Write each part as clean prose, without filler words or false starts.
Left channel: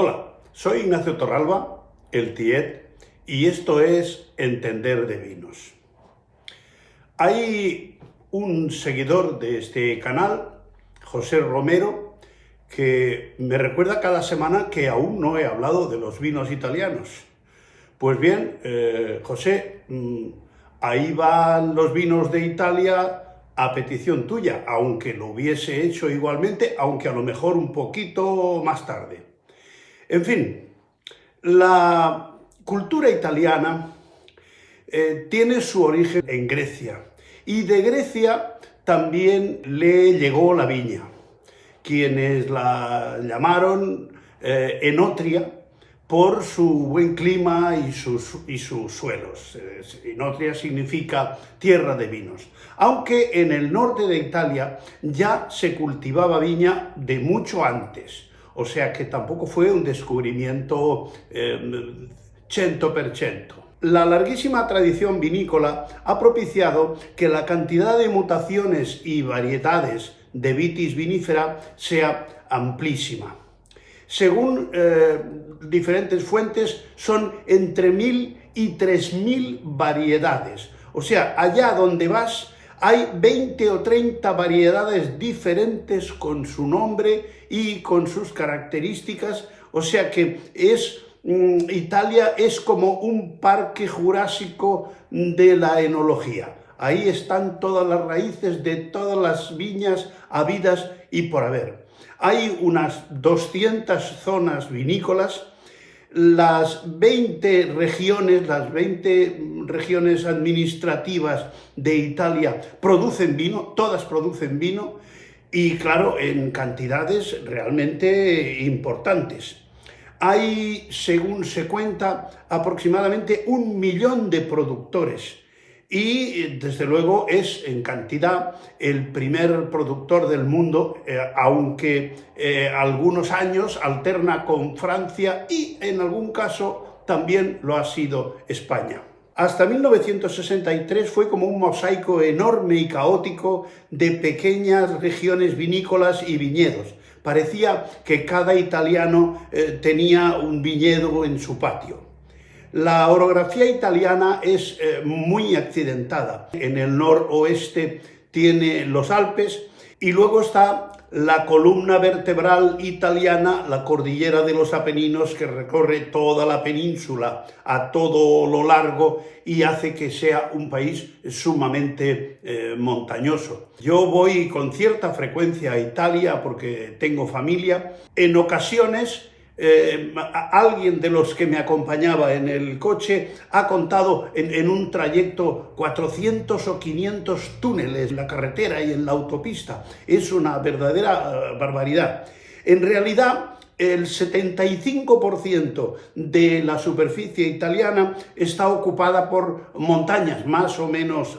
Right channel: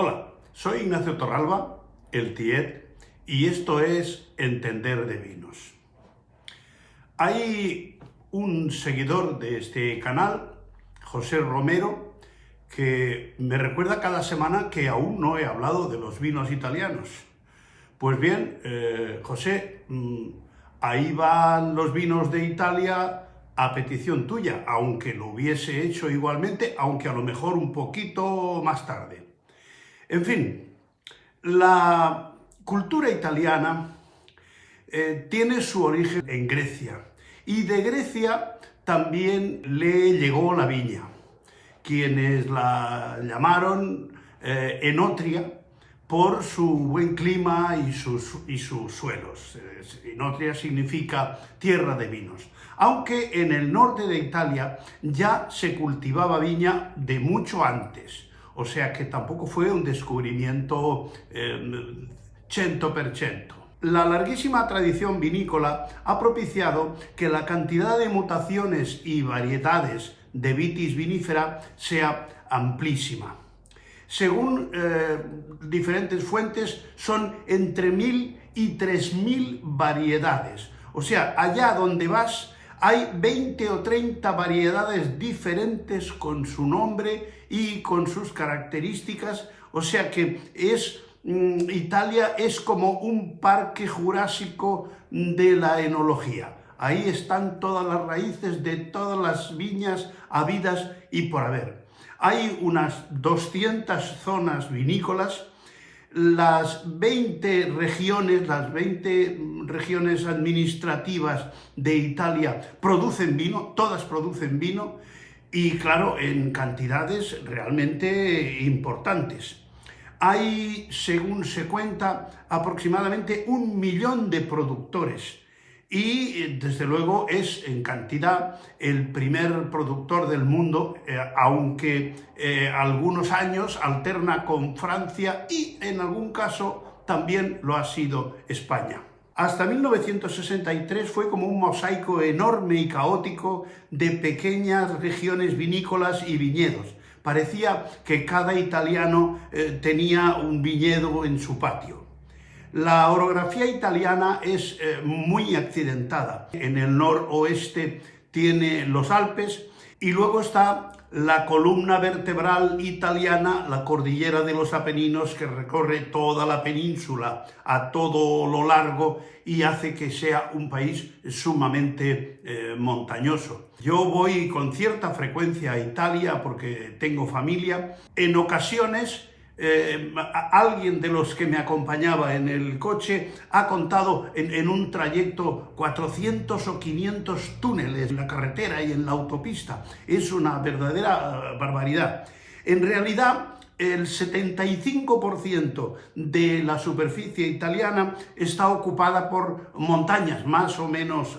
Hola, soy Ignacio Torralba, el Tiet, y esto es Entender de Vinos. Hay un seguidor de este canal, José Romero, que me recuerda cada semana que aún no he hablado de los vinos italianos. Pues bien, José, ahí van los vinos de Italia a petición tuya, aunque lo hubiese hecho igualmente, aunque a lo mejor un poquito más tarde. En fin, la cultura italiana tiene su origen en Grecia, y de Grecia también le llegó la viña, quienes la llamaron Enotria por su buen clima y sus suelos. Enotria significa tierra de vinos, aunque en el norte de Italia ya se cultivaba viña de mucho antes. O sea que tampoco fue un descubrimiento 100%. La larguísima tradición vinícola ha propiciado que la cantidad de mutaciones y variedades de vitis vinífera sea amplísima. Según diferentes fuentes, son entre 1000 y 3000 variedades. O sea, allá donde vas, hay 20 o 30 variedades diferentes con su nombre y con sus características. O sea que Italia es como un parque jurásico de la enología. Ahí están todas las raíces de todas las viñas habidas y por haber. Hay unas 200 zonas vinícolas. Las 20 regiones administrativas de Italia producen vino, todas producen vino, y claro, en cantidades realmente importantes. Hay, según se cuenta, aproximadamente 1 millón de productores, y desde luego es en cantidad el primer productor del mundo, aunque algunos años alterna con Francia y en algún caso también lo ha sido España. Hasta 1963 fue como un mosaico enorme y caótico de pequeñas regiones vinícolas y viñedos. Parecía que cada italiano tenía un viñedo en su patio. La orografía italiana es muy accidentada. En el noroeste tiene los Alpes y luego está la columna vertebral italiana, la cordillera de los Apeninos, que recorre toda la península a todo lo largo y hace que sea un país sumamente montañoso. Yo voy con cierta frecuencia a Italia porque tengo familia. En ocasiones alguien de los que me acompañaba en el coche ha contado en un trayecto 400 o 500 túneles en la carretera y en la autopista. Es una verdadera barbaridad. En realidad, el 75% de la superficie italiana está ocupada por montañas más o menos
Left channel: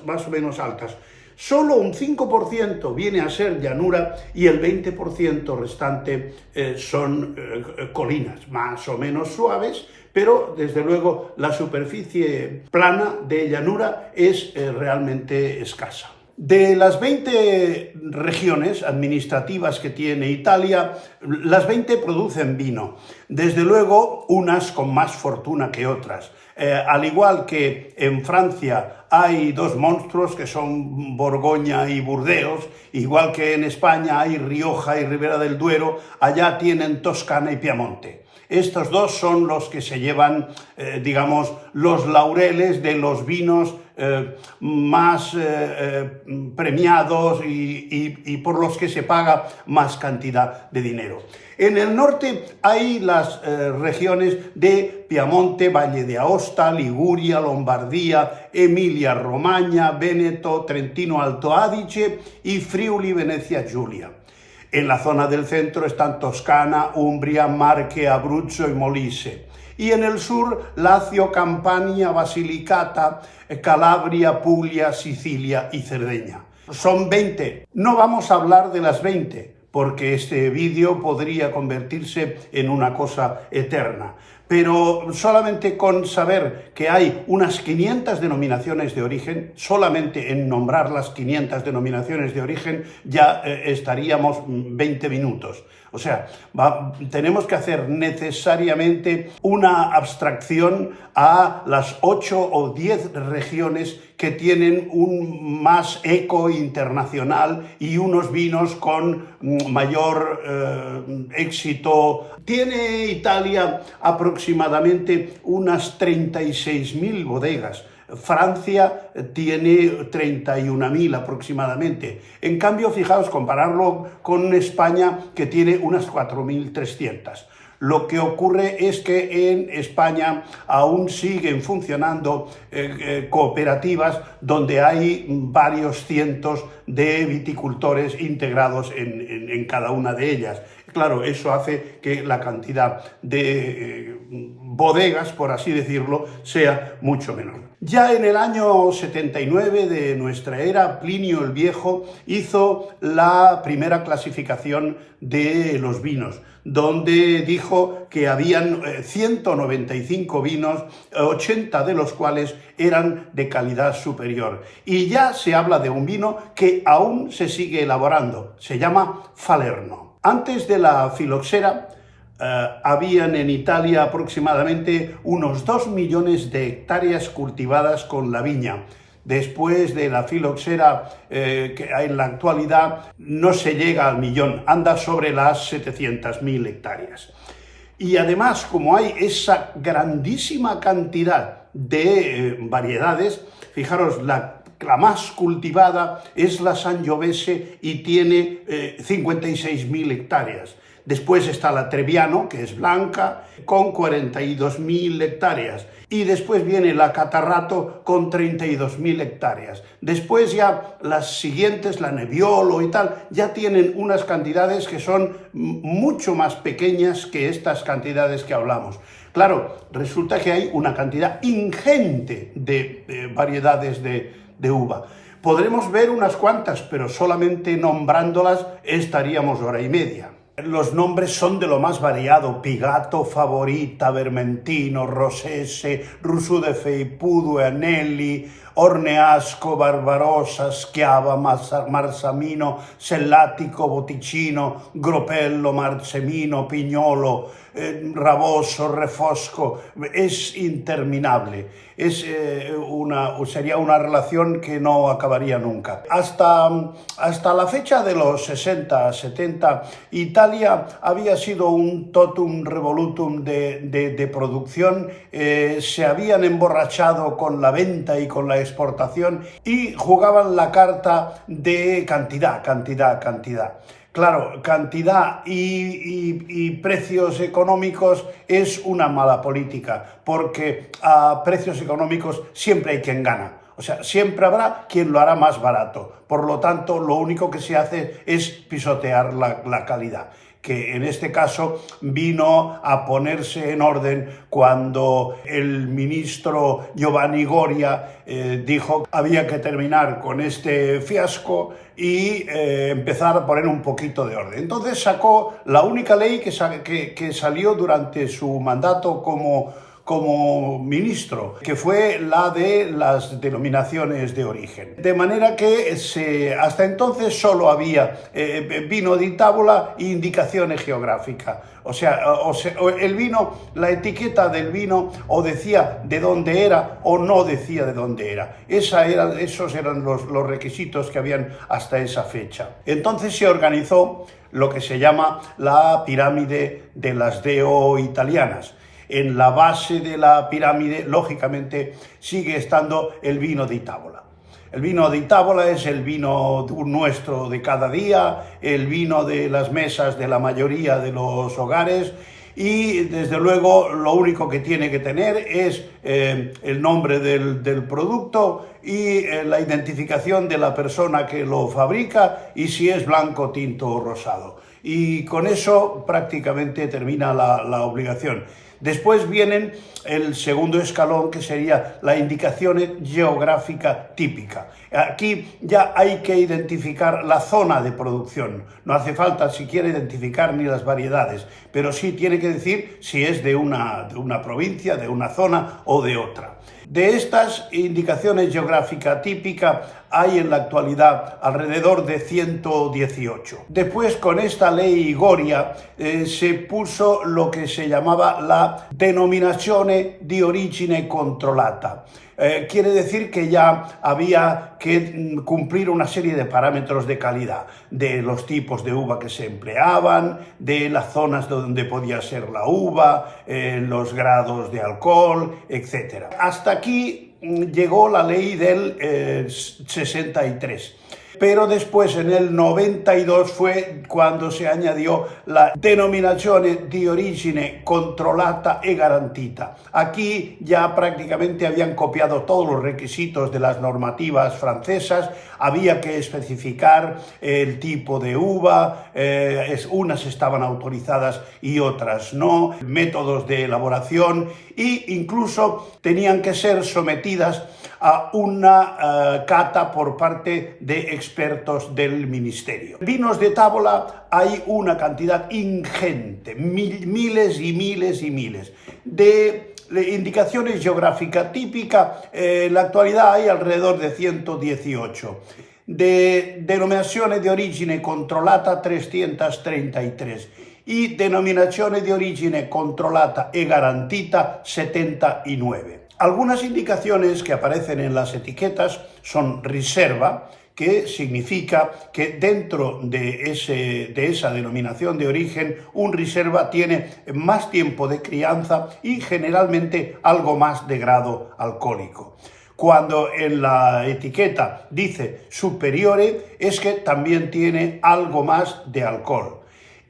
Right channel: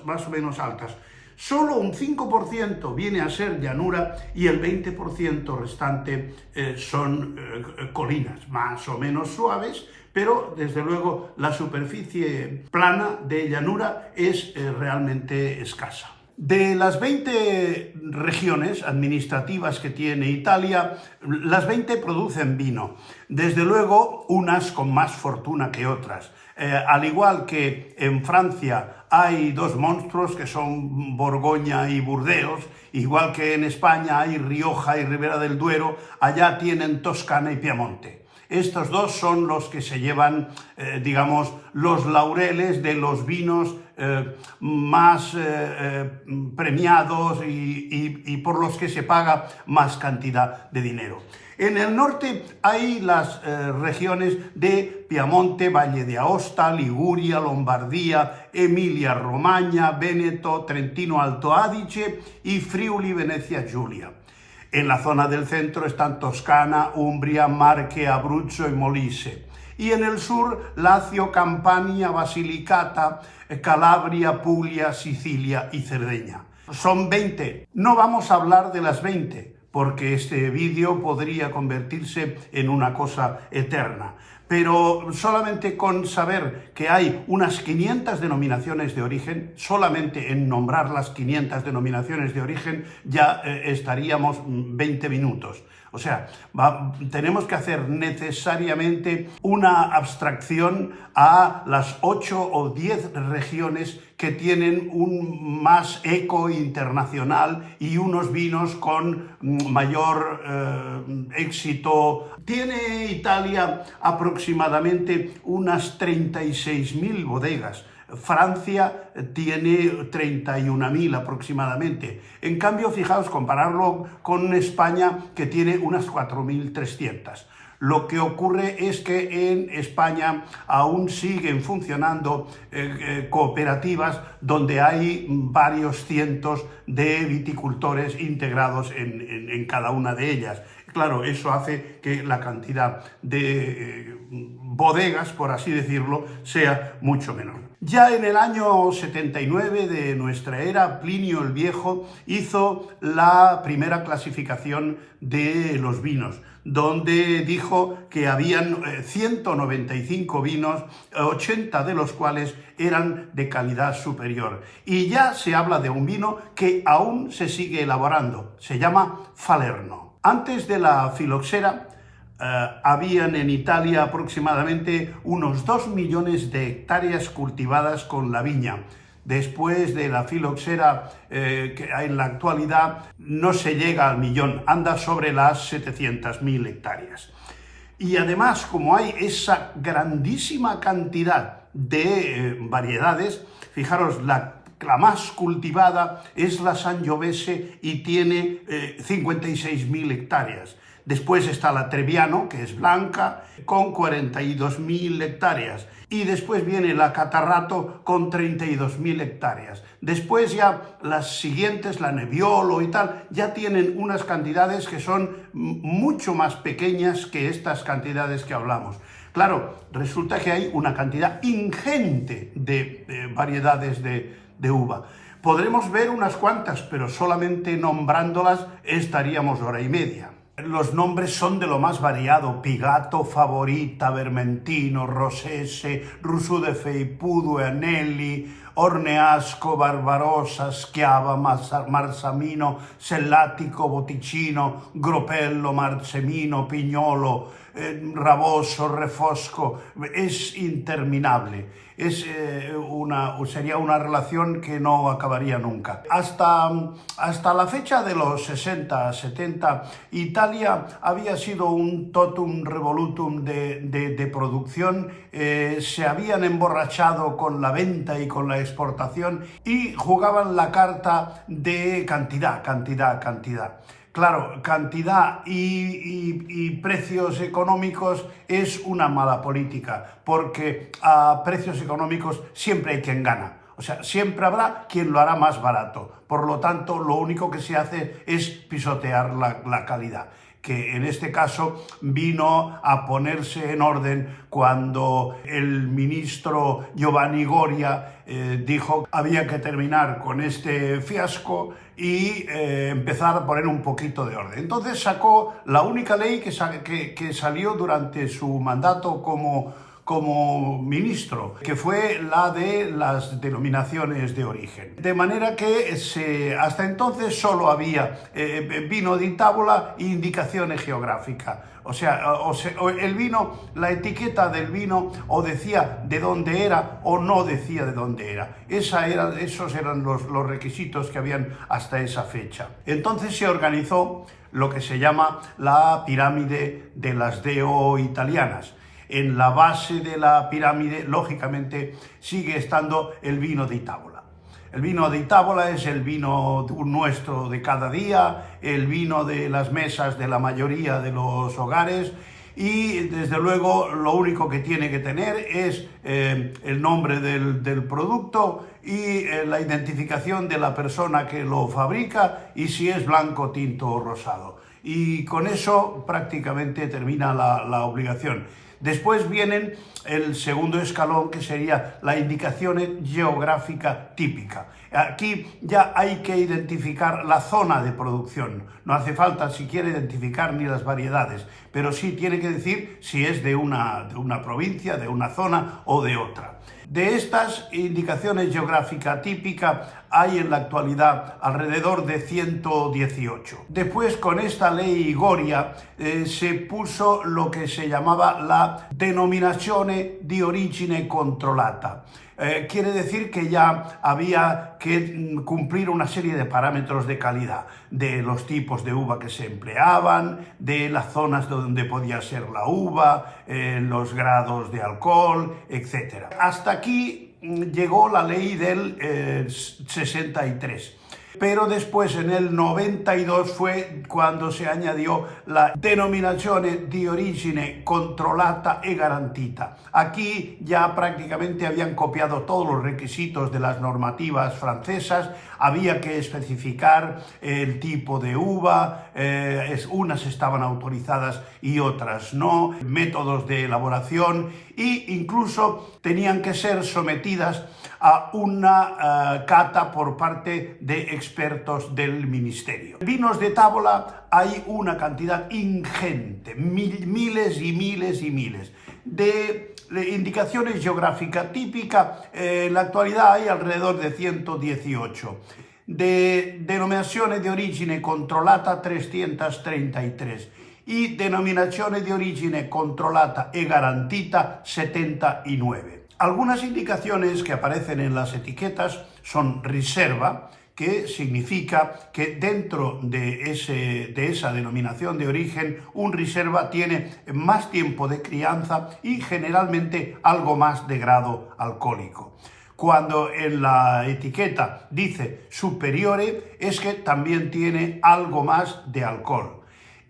altas. Solo un 5% viene a ser llanura y el 20% restante son colinas más o menos suaves, pero desde luego la superficie plana de llanura es realmente escasa. De las 20 regiones administrativas que tiene Italia, las 20 producen vino. Desde luego, unas con más fortuna que otras. Al igual que en Francia hay dos monstruos que son Borgoña y Burdeos, igual que en España hay Rioja y Ribera del Duero, allá tienen Toscana y Piamonte. Estos dos son los que se llevan, digamos, los laureles de los vinos más premiados y por los que se paga más cantidad de dinero. En el norte hay las regiones de Piamonte, Valle de Aosta, Liguria, Lombardía, Emilia-Romagna, Véneto, Trentino Alto Adige y Friuli Venezia Giulia. En la zona del centro están Toscana, Umbria, Marche, Abruzzo y Molise. Y en el sur, Lazio, Campania, Basilicata, Calabria, Puglia, Sicilia y Cerdeña. Son 20. No vamos a hablar de las 20, porque este vídeo podría convertirse en una cosa eterna. pero solamente con saber que hay unas 500 denominaciones de origen, solamente en nombrar las 500 denominaciones de origen ya estaríamos 20 minutos. O sea, tenemos que hacer necesariamente una abstracción a las 8 o 10 regiones que tienen un más eco internacional y unos vinos con mayor éxito. Tiene Italia aproximadamente unas 36.000 bodegas. Francia tiene 31.000 aproximadamente. En cambio, fijaos, compararlo con España, que tiene unas 4.300. Lo que ocurre es que en España aún siguen funcionando cooperativas donde hay varios cientos de viticultores integrados en cada una de ellas. Claro, eso hace que la cantidad de bodegas, por así decirlo, sea mucho menor. Ya en el año 79 de nuestra era, Plinio el Viejo hizo la primera clasificación de los vinos, donde dijo que habían 195 vinos, 80 de los cuales eran de calidad superior. Y ya se habla de un vino que aún se sigue elaborando, se llama Falerno. Antes de la filoxera, habían en Italia aproximadamente unos 2 millones de hectáreas cultivadas con la viña. Después de la filoxera, que en la actualidad no se llega al millón, anda sobre las 700.000 hectáreas. Y además, como hay esa grandísima cantidad de variedades, fijaros, la más cultivada es la Sangiovese y tiene 56.000 hectáreas. Después está la Trebbiano, que es blanca, con 42.000 hectáreas. Y después viene la Catarrato con 32.000 hectáreas. Después ya las siguientes, la Nebbiolo y tal, ya tienen unas cantidades que son mucho más pequeñas que estas cantidades que hablamos. Claro, resulta que hay una cantidad ingente de variedades de uva. Podremos ver unas cuantas, pero solamente nombrándolas estaríamos hora y media. Los nombres son de lo más variado: Pigato, Favorita, Vermentino, Rosese, Rousseau de Feipudo, Anelli, Orneasco, Barbarossa, Schiava, Marsamino, Sellatico, Botticino, Gropello, Marcemino, Pignolo, Raboso, Refosco. Es interminable. Sería una relación que no acabaría nunca. Hasta la fecha de los 60, 70, Italia había sido un totum revolutum de producción. Se habían emborrachado con la venta y con la exportación y jugaban la carta de cantidad. Claro, cantidad y precios económicos es una mala política, porque a precios económicos siempre hay quien gana. O sea, siempre habrá quien lo hará más barato. Por lo tanto, lo único que se hace es pisotear la calidad, que en este caso vino a ponerse en orden cuando el ministro Giovanni Goria dijo que había que terminar con este fiasco y empezar a poner un poquito de orden. Entonces sacó la única ley que salió durante su mandato como ministro, que fue la de las denominaciones de origen. De manera que hasta entonces solo había vino di tavola e indicaciones geográficas. O sea, el vino, la etiqueta del vino o decía de dónde era o no decía de dónde era. Esos eran los requisitos que habían hasta esa fecha. Entonces se organizó lo que se llama la pirámide de las DO italianas. En la base de la pirámide, lógicamente, sigue estando el vino di tavola. El vino di tavola es el vino nuestro de cada día, el vino de las mesas de la mayoría de los hogares, y desde luego lo único que tiene que tener es el nombre del producto y la identificación de la persona que lo fabrica y si es blanco, tinto o rosado. y con eso prácticamente termina la obligación. Después viene el segundo escalón, que sería la indicación geográfica típica. Aquí ya hay que identificar la zona de producción. No hace falta siquiera identificar ni las variedades, pero sí tiene que decir si es de una provincia, de una zona o de otra. De estas indicaciones geográficas típicas hay en la actualidad alrededor de 118. Después, con esta ley Goria, se puso lo que se llamaba la denominazione di origine controllata. Quiere decir que ya había que cumplir una serie de parámetros de calidad, de los tipos de uva que se empleaban, de las zonas donde podía ser la uva, los grados de alcohol, etc. Hasta aquí llegó la ley del 63. Pero después, en el 92, fue cuando se añadió la denominazione di origine controllata e garantita. Aquí ya prácticamente habían copiado todos los requisitos de las normativas francesas, había que especificar el tipo de uva, unas estaban autorizadas y otras no, métodos de elaboración, e incluso tenían que ser sometidas a una cata por parte de expertos del ministerio. Vinos de tábola hay una cantidad ingente, miles y miles y miles. De indicaciones geográficas típicas, en la actualidad hay alrededor de 118. De denominazione di origine controllata 333 y denominazione di origine controllata e garantita 79. Algunas indicaciones que aparecen en las etiquetas son riserva, que significa que dentro de esa denominación de origen, un riserva tiene más tiempo de crianza y generalmente algo más de grado alcohólico. Cuando en la etiqueta dice superiore, es que también tiene algo más de alcohol.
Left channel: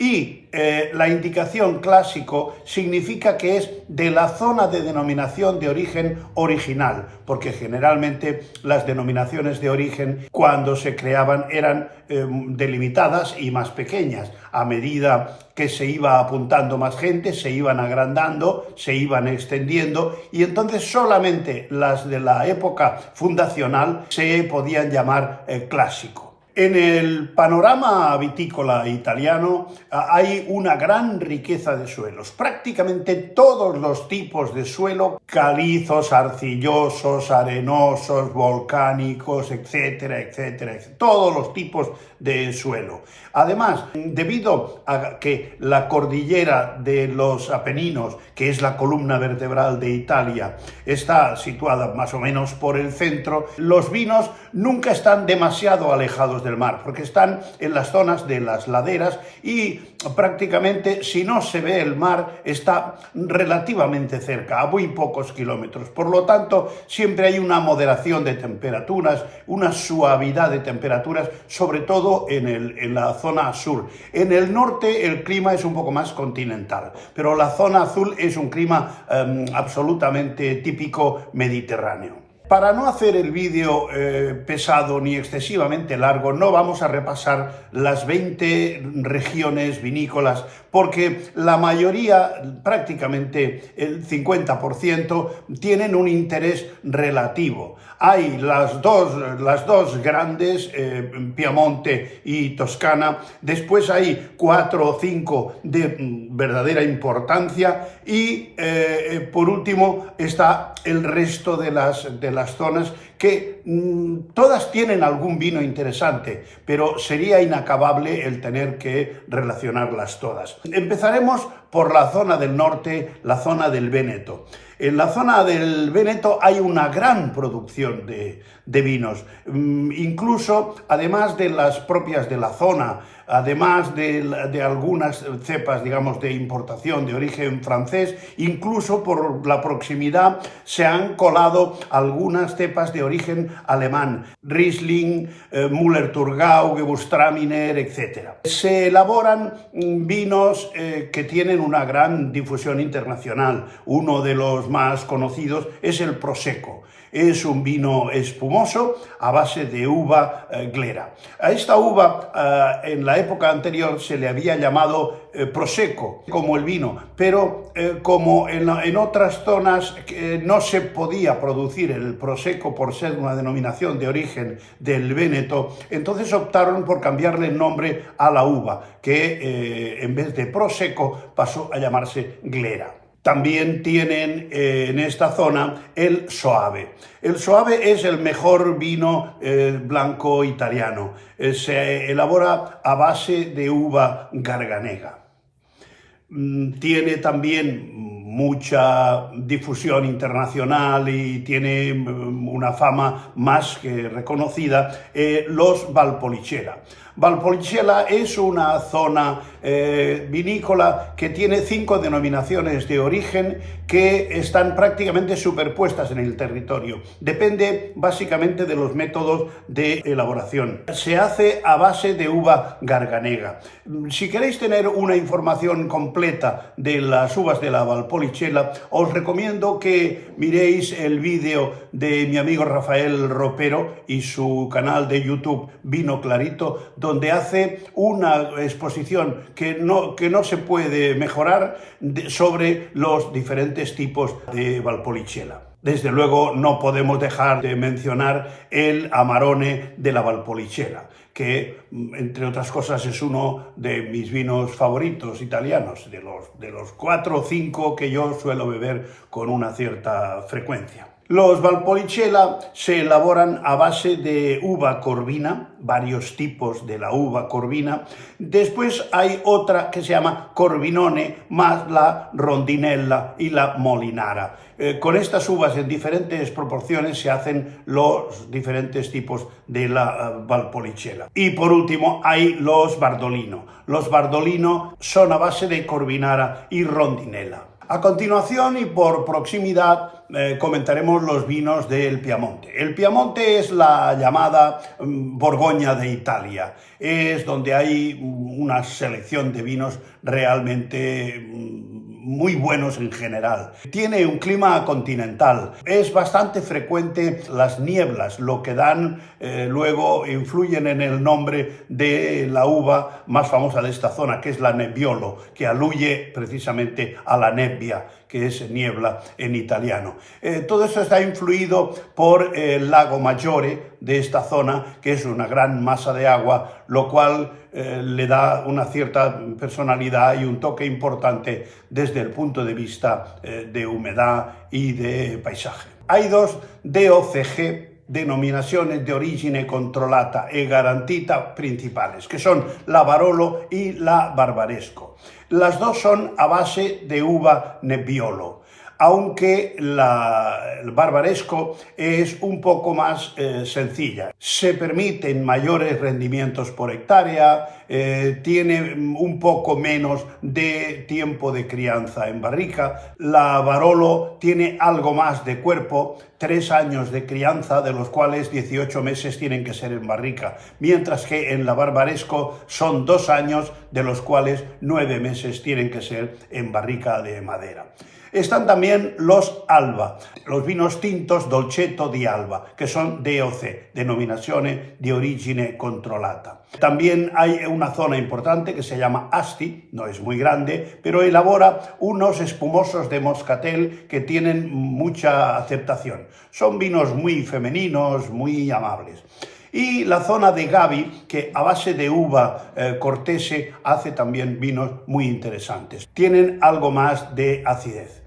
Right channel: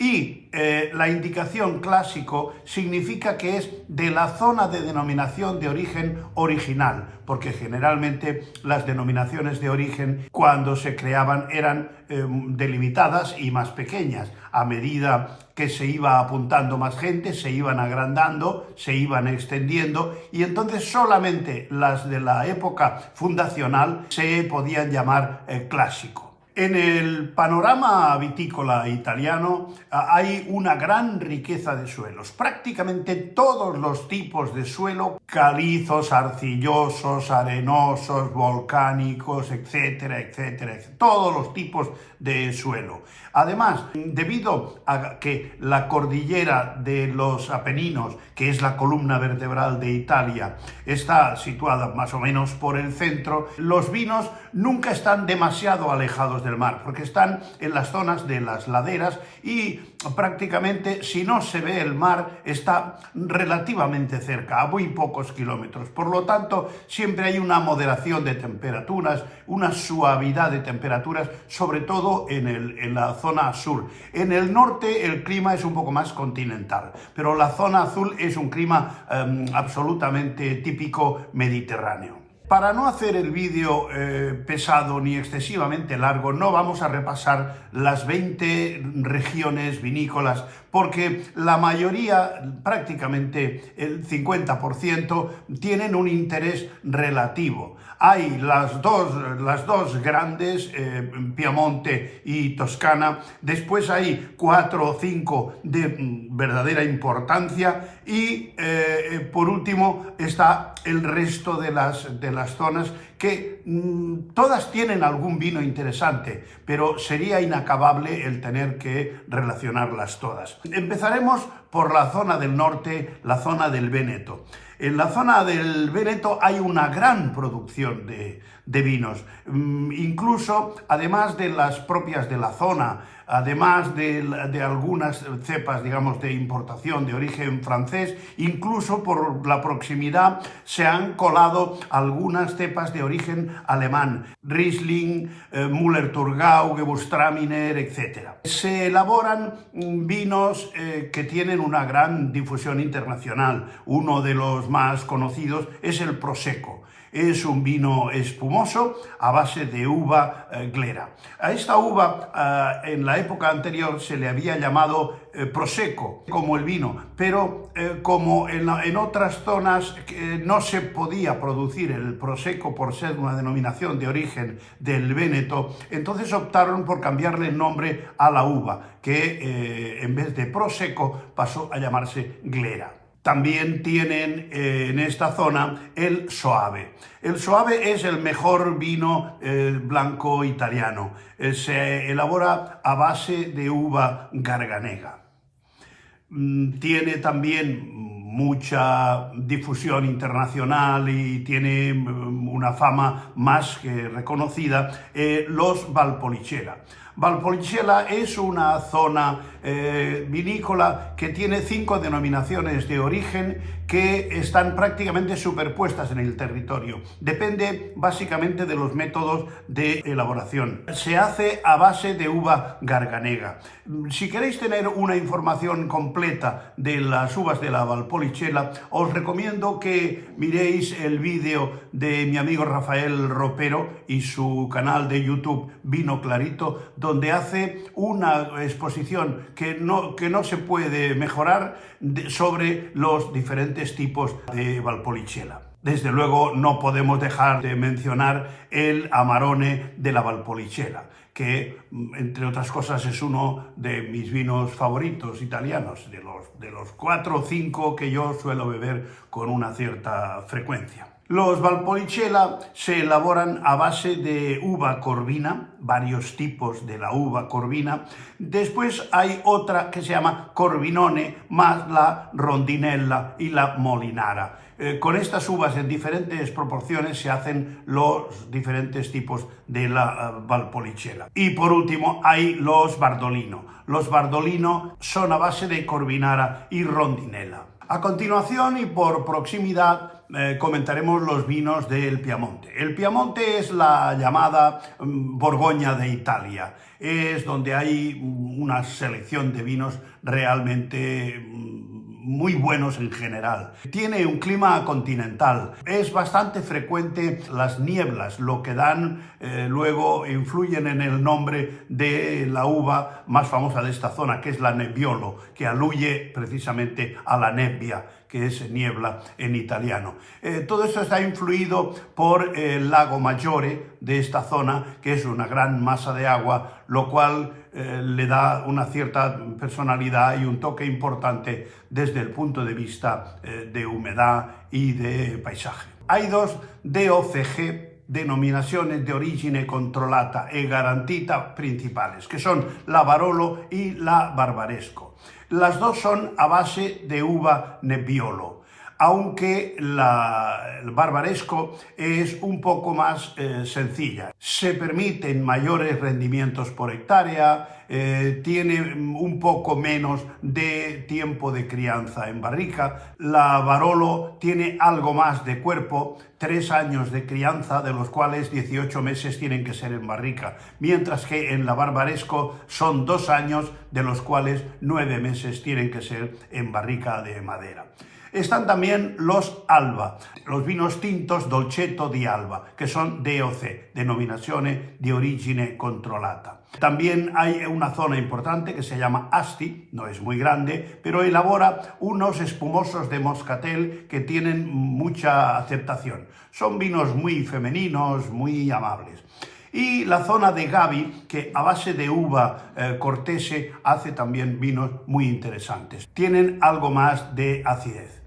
Y la indicación clásico significa que es de la zona de denominación de origen original, porque generalmente las denominaciones de origen, cuando se creaban, eran delimitadas y más pequeñas. A medida que se iba apuntando más gente, se iban agrandando, se iban extendiendo, y entonces solamente las de la época fundacional se podían llamar clásico. En el panorama vitícola italiano hay una gran riqueza de suelos. Prácticamente todos los tipos de suelo, calizos, arcillosos, arenosos, volcánicos, etcétera, etcétera, etcétera. Todos los tipos de suelo. Además, debido a que la cordillera de los Apeninos, que es la columna vertebral de Italia, está situada más o menos por el centro, los vinos nunca están demasiado alejados del mar, porque están en las zonas de las laderas y prácticamente, si no se ve el mar, está relativamente cerca, a muy pocos kilómetros. Por lo tanto, siempre hay una moderación de temperaturas, una suavidad de temperaturas, sobre todo en la zona sur. En el norte el clima es un poco más continental, pero la zona azul es un clima absolutamente típico mediterráneo. Para no hacer el vídeo pesado ni excesivamente largo, no vamos a repasar las 20 regiones vinícolas, porque la mayoría, prácticamente el 50%, tienen un interés relativo. Hay las dos grandes, Piamonte y Toscana, después hay 4 o 5 de verdadera importancia y por último está el resto de las zonas que todas tienen algún vino interesante, pero sería inacabable el tener que relacionarlas todas. Empezaremos por la zona del norte, la zona del Véneto. En la zona del Véneto hay una gran producción de vinos, incluso además de las propias de la zona, además de algunas cepas, digamos, de importación de origen francés, incluso por la proximidad se han colado algunas cepas de origen alemán, Riesling, Müller-Thurgau, Gewürztraminer, etc. Se elaboran vinos que tienen una gran difusión internacional. Uno de los más conocidos es el Prosecco. Es un vino espumoso a base de uva glera. A esta uva en la época anterior se le había llamado prosecco, como el vino, pero como en otras zonas no se podía producir el prosecco por ser una denominación de origen del Véneto, entonces optaron por cambiarle el nombre a la uva, que en vez de prosecco pasó a llamarse glera. También tienen en esta zona el Soave. El Soave es el mejor vino blanco italiano. Se elabora a base de uva Garganega. Tiene también mucha difusión internacional y tiene una fama más que reconocida, los Valpolicella. Valpolicella es una zona vinícola que tiene 5 denominaciones de origen que están prácticamente superpuestas en el territorio. Depende básicamente de los métodos de elaboración. Se hace a base de uva Garganega. Si queréis tener una información completa de las uvas de la Valpolicella, os recomiendo que miréis el vídeo de mi amigo Rafael Ropero y su canal de YouTube Vino Clarito, donde hace una exposición que no se puede mejorar sobre los diferentes tipos de Valpolicella. Desde luego no podemos dejar de mencionar el Amarone de la Valpolicella, que entre otras cosas es uno de mis vinos favoritos italianos, de los 4 o 5 que yo suelo beber con una cierta frecuencia. Los Valpolicella se elaboran a base de uva corvina, varios tipos de la uva corvina. Después hay otra que se llama Corvinone, más la Rondinella y la Molinara. Con estas uvas en diferentes proporciones se hacen los diferentes tipos de la Valpolicella. Y por último hay los Bardolino. Los Bardolino son a base de Corvinara y Rondinella. A continuación y por proximidad comentaremos los vinos del Piamonte. El Piamonte es la llamada Borgoña de Italia. Es donde hay una selección de vinos realmente muy buenos en general. Tiene un clima continental. Es bastante frecuente las nieblas, lo que dan luego influyen en el nombre de la uva más famosa de esta zona, que es la Nebbiolo, que aluye precisamente a la nebbia, que es niebla en italiano. Todo eso está influido por el lago Maggiore de esta zona, que es una gran masa de agua, lo cual le da una cierta personalidad y un toque importante desde el punto de vista de humedad y de paisaje. Hay 2 DOCG, denominaciones de origine controllata e garantita principales, que son la Barolo y la Barbaresco. Las 2 son a base de uva Nebbiolo, aunque el Barbaresco es un poco más sencilla. Se permiten mayores rendimientos por hectárea, tiene un poco menos de tiempo de crianza en barrica. La Barolo tiene algo más de cuerpo, 3 años de crianza, de los cuales 18 meses tienen que ser en barrica, mientras que en la Barbaresco son 2 años, de los cuales 9 meses tienen que ser en barrica de madera. Están también los Alba, los vinos tintos Dolcetto di Alba, que son DOC, Denominazione di Origine Controllata. También hay una zona importante que se llama Asti, no es muy grande, pero elabora unos espumosos de moscatel que tienen mucha aceptación. Son vinos muy femeninos, muy amables. Y la zona de Gavi, que a base de uva cortese hace también vinos muy interesantes. Tienen algo más de acidez.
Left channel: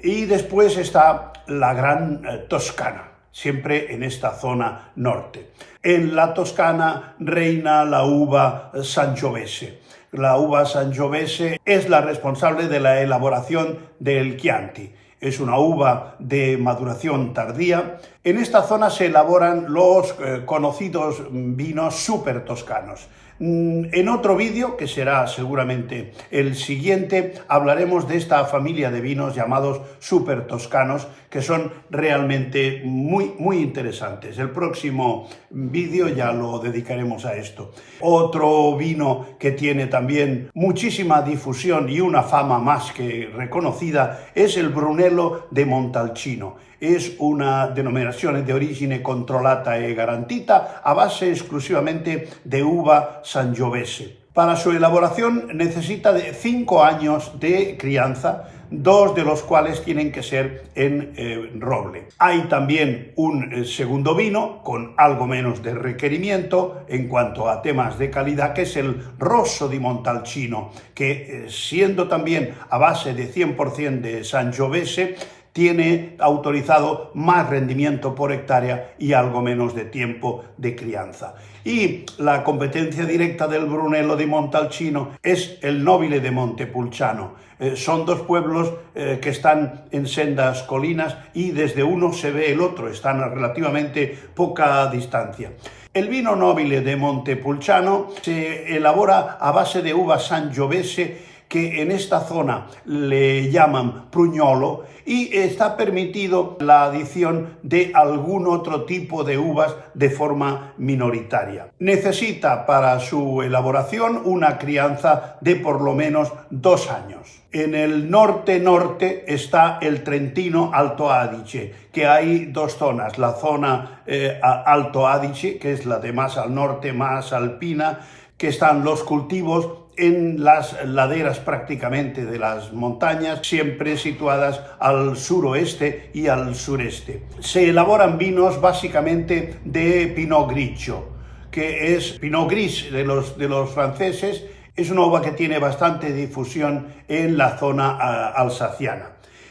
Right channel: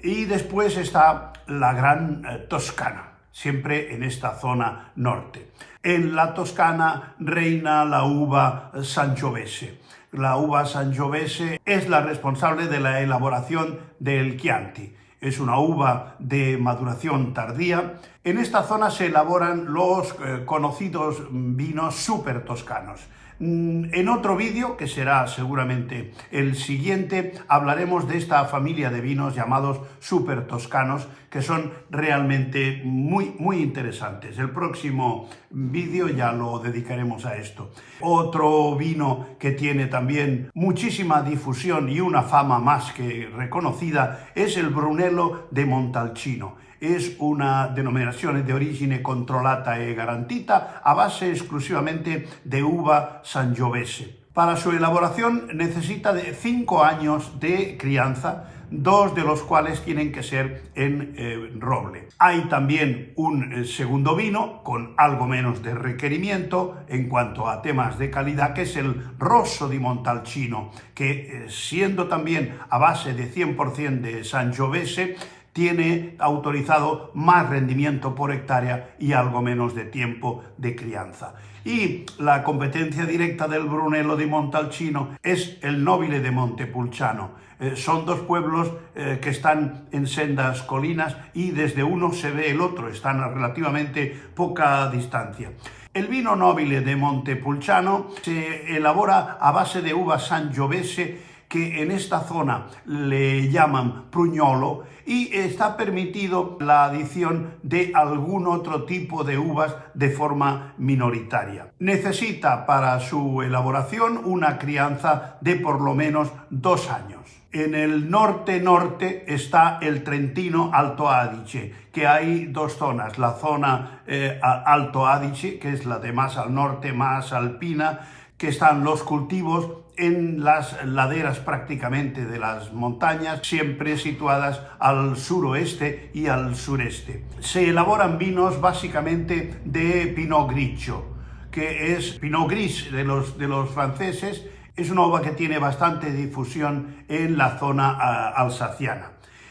Y después está la Gran Toscana, siempre en esta zona norte. En la Toscana reina la uva Sangiovese. La uva Sangiovese es la responsable de la elaboración del Chianti. Es una uva de maduración tardía. En esta zona se elaboran los conocidos vinos súper toscanos. En otro vídeo, que será seguramente el siguiente, hablaremos de esta familia de vinos llamados super toscanos, que son realmente muy interesantes. El próximo vídeo ya lo dedicaremos a esto. Otro vino que tiene también muchísima difusión y una fama más que reconocida es el Brunello de Montalcino. Es una denominazione di origine controllata e garantita a base exclusivamente de uva sangiovese. Para su elaboración necesita de 5 años de crianza, 2 de los cuales tienen que ser en roble. Hay también un segundo vino con algo menos de requerimiento en cuanto a temas de calidad, que es el Rosso di Montalcino, que siendo también a base de 100% de sangiovese, tiene autorizado más rendimiento por hectárea y algo menos de tiempo de crianza. Y la competencia directa del Brunello di Montalcino es el Nobile de Montepulciano. Son dos pueblos que están en sendas colinas y desde uno se ve el otro, están a relativamente poca distancia. El vino Nobile de Montepulciano se elabora a base de uva sangiovese, que en esta zona le llaman pruñolo, y está permitido la adición de algún otro tipo de uvas de forma minoritaria. Necesita para su elaboración una crianza de por lo menos 2 años. En el norte está el Trentino Alto Adige, que hay 2 zonas, la zona Alto Adige, que es la de más al norte, más alpina, que están los cultivos en las laderas prácticamente de las montañas, siempre situadas al suroeste y al sureste. Se elaboran vinos básicamente de Pinot Grigio, que es Pinot Gris de los franceses. Es una uva que tiene bastante difusión en la zona alsaciana.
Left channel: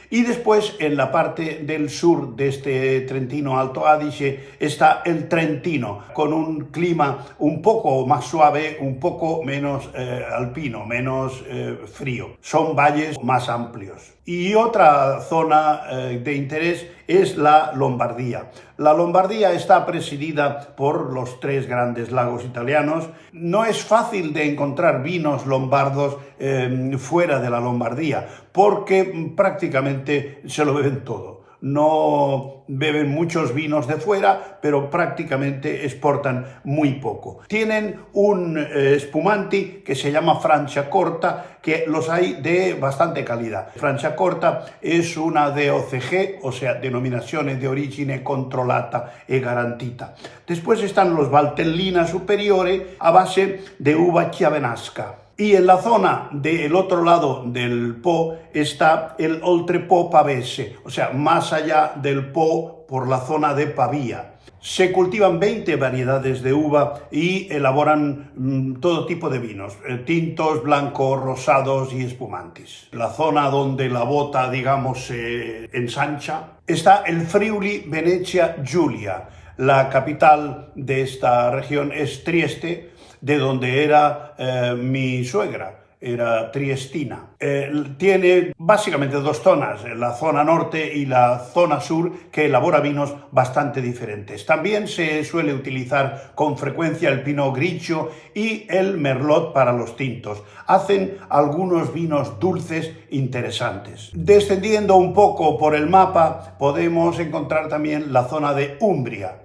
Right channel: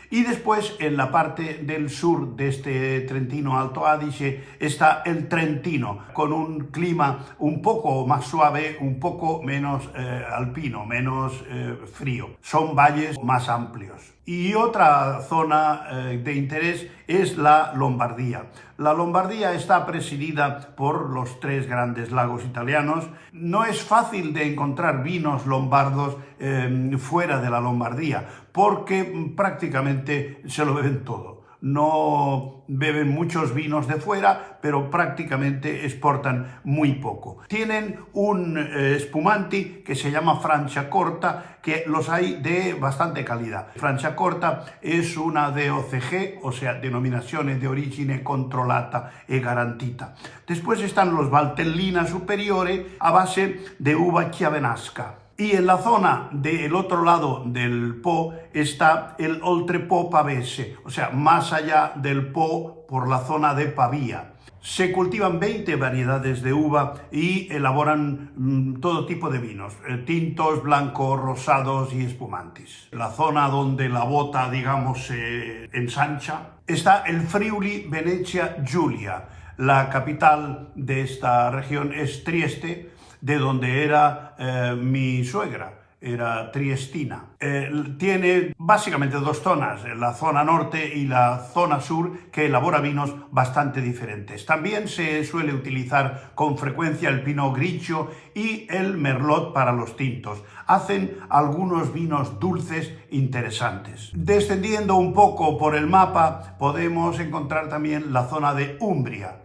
Y después, en la parte del sur de este Trentino Alto Adige, está el Trentino, con un clima un poco más suave, un poco menos alpino, menos frío. Son valles más amplios. Y otra zona de interés es la Lombardía. La Lombardía está presidida por los 3 grandes lagos italianos. No es fácil de encontrar vinos lombardos fuera de la Lombardía, porque prácticamente se lo beben todo. No beben muchos vinos de fuera, pero prácticamente exportan muy poco. Tienen un spumanti que se llama Franciacorta, que los hay de bastante calidad. Franciacorta es una DOCG, o sea, denominazione di origine controllata e garantita. Después están los Valtellina Superiore a base de uva chiavenasca. Y en la zona del otro lado del Po está el Oltrepo Pavese, o sea, más allá del Po por la zona de Pavía. Se cultivan 20 variedades de uva y elaboran todo tipo de vinos, tintos, blancos, rosados y espumantes. La zona donde la bota, digamos, se ensancha está el Friuli Venezia Giulia. La capital de esta región es Trieste, de donde era mi suegra, era triestina. Tiene básicamente 2 zonas, la zona norte y la zona sur, que elabora vinos bastante diferentes. También se suele utilizar con frecuencia el Pinot Grigio y el Merlot para los tintos. Hacen algunos vinos dulces interesantes. Descendiendo un poco por el mapa, podemos encontrar también la zona de Umbria.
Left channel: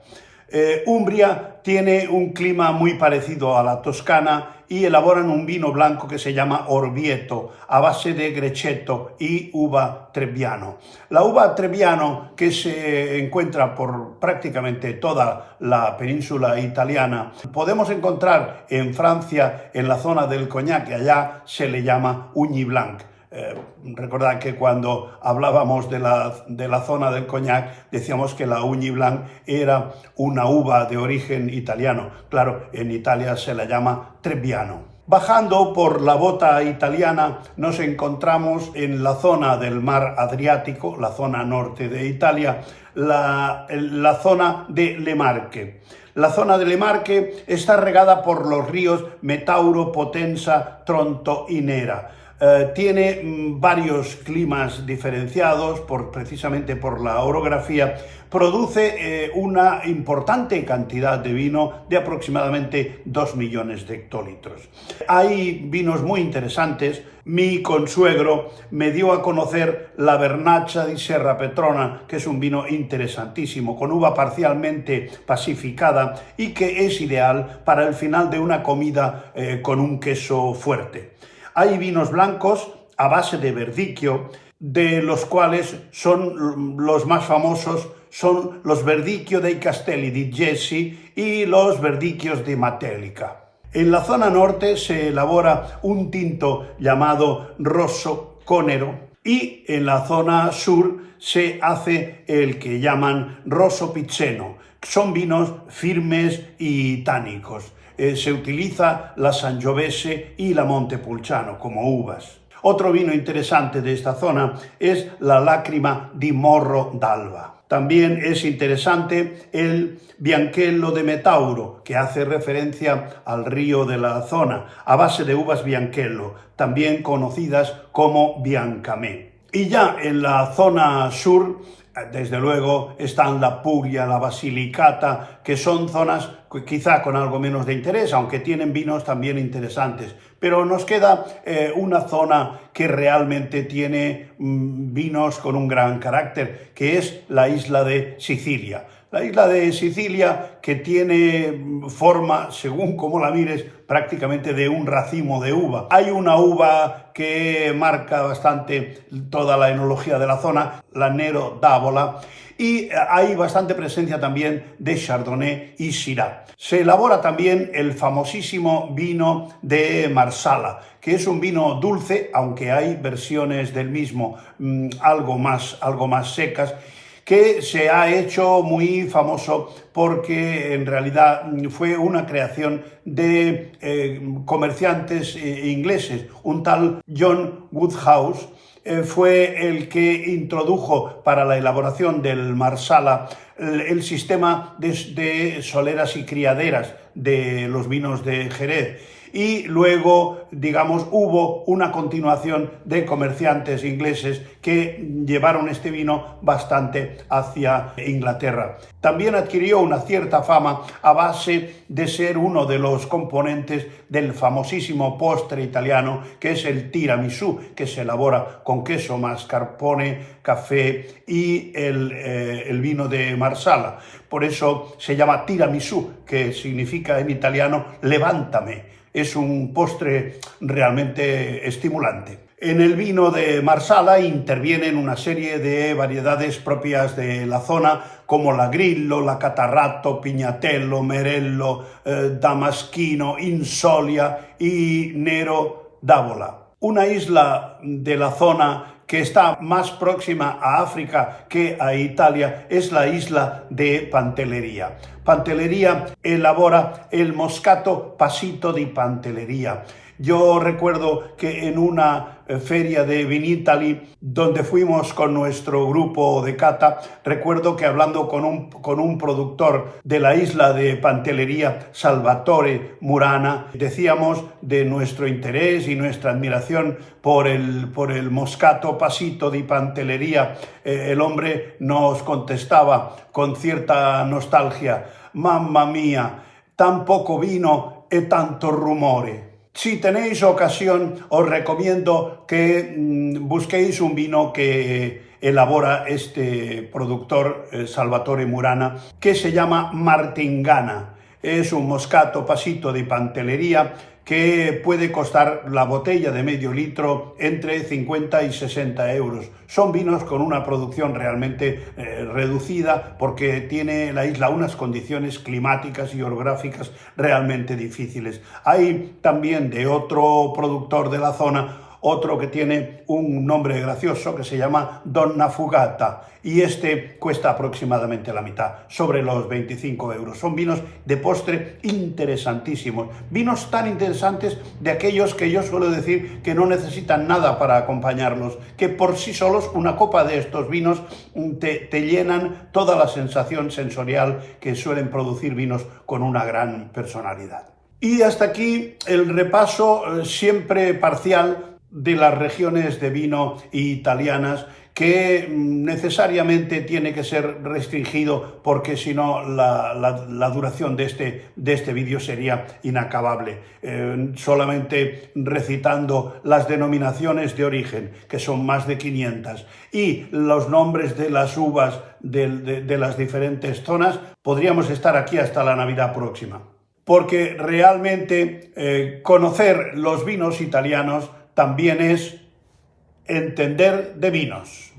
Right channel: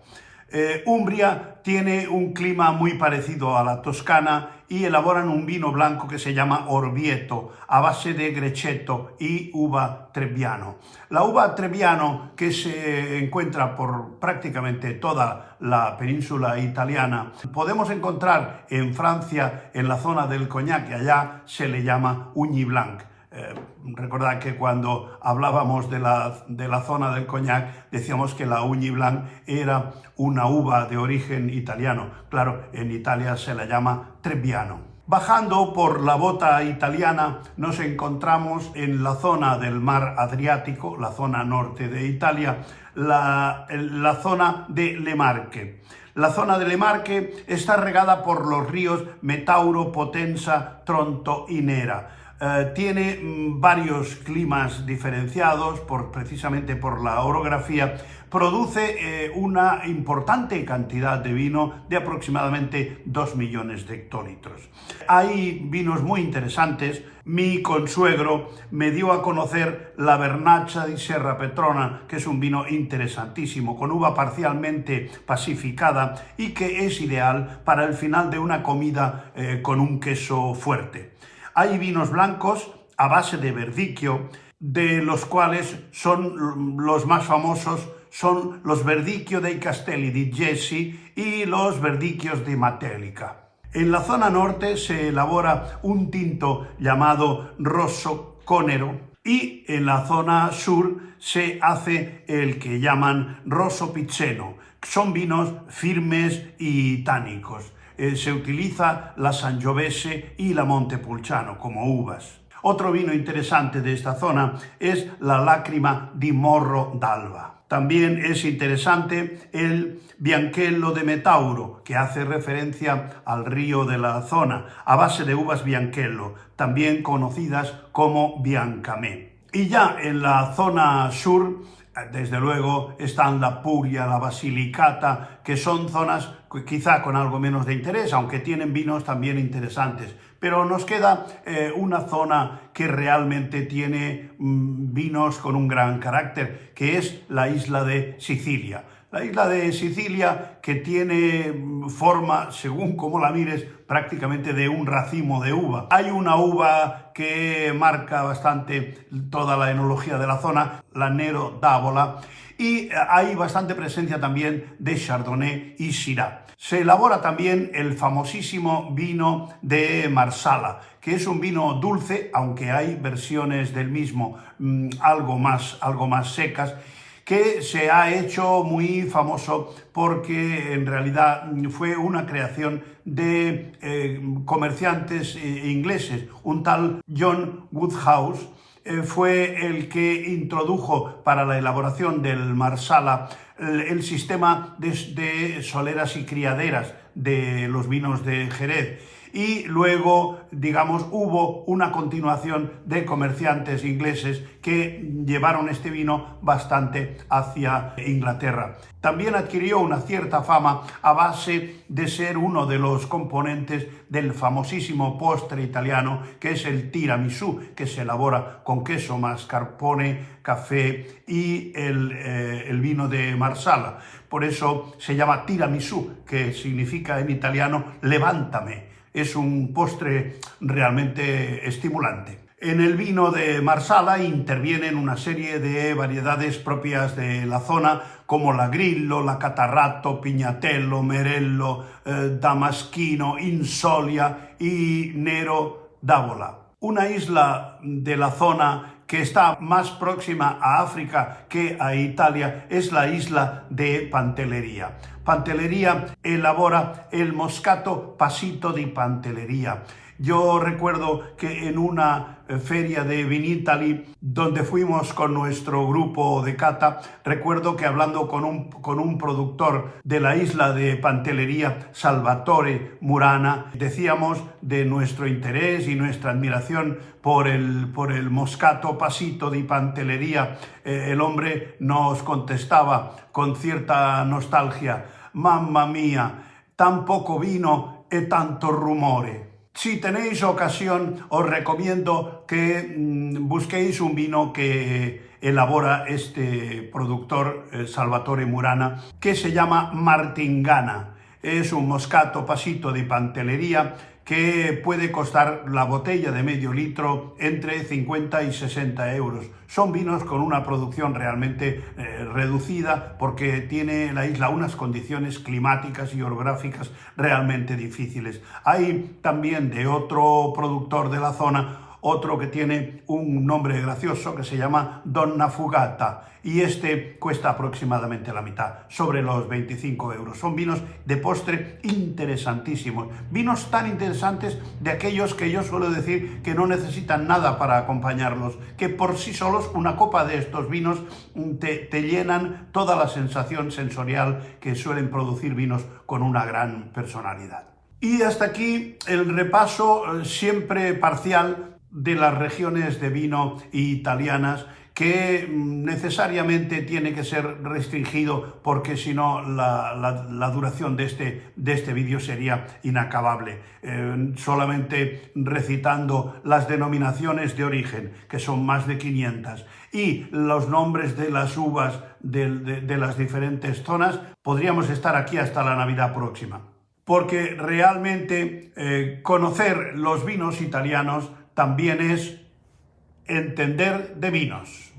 Umbria tiene un clima muy parecido a la Toscana y elaboran un vino blanco que se llama Orvieto, a base de Grecchetto y uva Trebbiano. La uva Trebbiano, que se encuentra por prácticamente toda la península italiana, podemos encontrar en Francia, en la zona del Cognac, que allá se le llama Ugni Blanc. Recordad que cuando hablábamos de la zona del Cognac decíamos que la Ugni Blanc era una uva de origen italiano. Claro, en Italia se la llama Trebbiano. Bajando por la bota italiana nos encontramos en la zona del mar Adriático, la zona norte de Italia, la zona de Le Marche. La zona de Le Marche está regada por los ríos Metauro, Potenza, Tronto y Nera. tiene varios climas diferenciados precisamente por la orografía. Produce una importante cantidad de vino de aproximadamente 2 millones de hectolitros. Hay vinos muy interesantes. Mi consuegro me dio a conocer la Vernaccia di Serra Petrona, que es un vino interesantísimo, con uva parcialmente pacificada y que es ideal para el final de una comida con un queso fuerte. Hay vinos blancos a base de verdicchio, de los cuales son los más famosos son los Verdicchio dei Castelli di Jesi y los Verdicchios di Matelica. En la zona norte se elabora un tinto llamado Rosso Conero y en la zona sur se hace el que llaman Rosso Piceno. Son vinos firmes y tánicos. Se utiliza la Sangiovese y la Montepulciano como uvas. Otro vino interesante de esta zona es la Lacrima di Morro d'Alba. También es interesante el Bianchello de Metauro, que hace referencia al río de la zona, a base de uvas Bianchello, también conocidas como Biancamè. Y ya en la zona sur, desde luego, están la Puglia, la Basilicata, que son zonas quizá con algo menos de interés, aunque tienen vinos también interesantes. Pero nos queda una zona que realmente tiene vinos con un gran carácter, que es la isla de Sicilia. La isla de Sicilia, que tiene forma, según como la mires, prácticamente de un racimo de uva. Hay una uva que marca bastante toda la enología de la zona, la Nero d'Avola, y hay bastante presencia también de Chardonnay y Syrah. Se elabora también el famosísimo vino de Marsala, que es un vino dulce, aunque hay versiones del mismo algo más secas, que se ha hecho muy famoso porque en realidad fue una creación de comerciantes ingleses. Un tal John Woodhouse fue el que introdujo para la elaboración del Marsala el sistema de soleras y criaderas de los vinos de Jerez. Y luego, digamos, hubo una continuación de comerciantes ingleses que llevaron este vino bastante hacia Inglaterra. También adquirió una cierta fama a base de ser uno de los componentes del famosísimo postre italiano, que es el tiramisù, que se elabora con queso, mascarpone, café y el vino de Marsala. Por eso se llama tiramisù, que significa en italiano levántame. Es un postre realmente estimulante. En el vino de Marsala intervienen una serie de variedades propias de la zona, como la Grillo, la Catarratto, Pignatello, Merello, Damaschino, Insolia y Nero d'Avola. Una isla de la zona que está más próxima a África que a Italia es la isla de Pantelleria. Pantelleria elabora el Moscato Passito di Pantelleria. Yo recuerdo que en una feria de Vinitaly, donde fuimos con nuestro grupo de cata, recuerdo que hablando con un productor de la isla de Pantelleria, Salvatore Murana, decíamos de nuestro interés y nuestra admiración por el Moscato Passito di Pantelleria. El hombre nos contestaba con cierta nostalgia: «Mamma mía, tan poco vino e tanto rumore». Si tenéis ocasión, os recomiendo que busquéis un vino que elabora este productor, Salvatore Murana, que se llama Martingana. Es un Moscato Passito di Pantelleria que puede costar la botella de medio litro entre 50 y 60 euros. Son vinos con una producción realmente reducida porque tiene la isla unas condiciones climáticas y orográficas realmente difíciles. Hay también de otro productor de la zona, otro que tiene un nombre gracioso que se llama Donna Fugata, y este cuesta aproximadamente la mitad, sobre los 25 euros. Son vinos de postre interesantísimos, vinos tan interesantes de aquellos que yo suelo decir que no necesitan nada para acompañarlos, que por sí solos una copa de estos vinos te llenan toda la sensación sensorial que suelen producir vinos con una gran personalidad. Y hasta aquí el repaso siempre parcial de las regiones de vino italianas que necesariamente tiene que ser restringido porque si no la duración de este vídeo sería inacabable. Solamente recitando las denominaciones de origen, que son más de 500, y los nombres de las uvas de las diferentes zonas, podríamos estar aquí hasta la Navidad próxima. Porque realmente conocer los vinos italianos también es entender de vinos.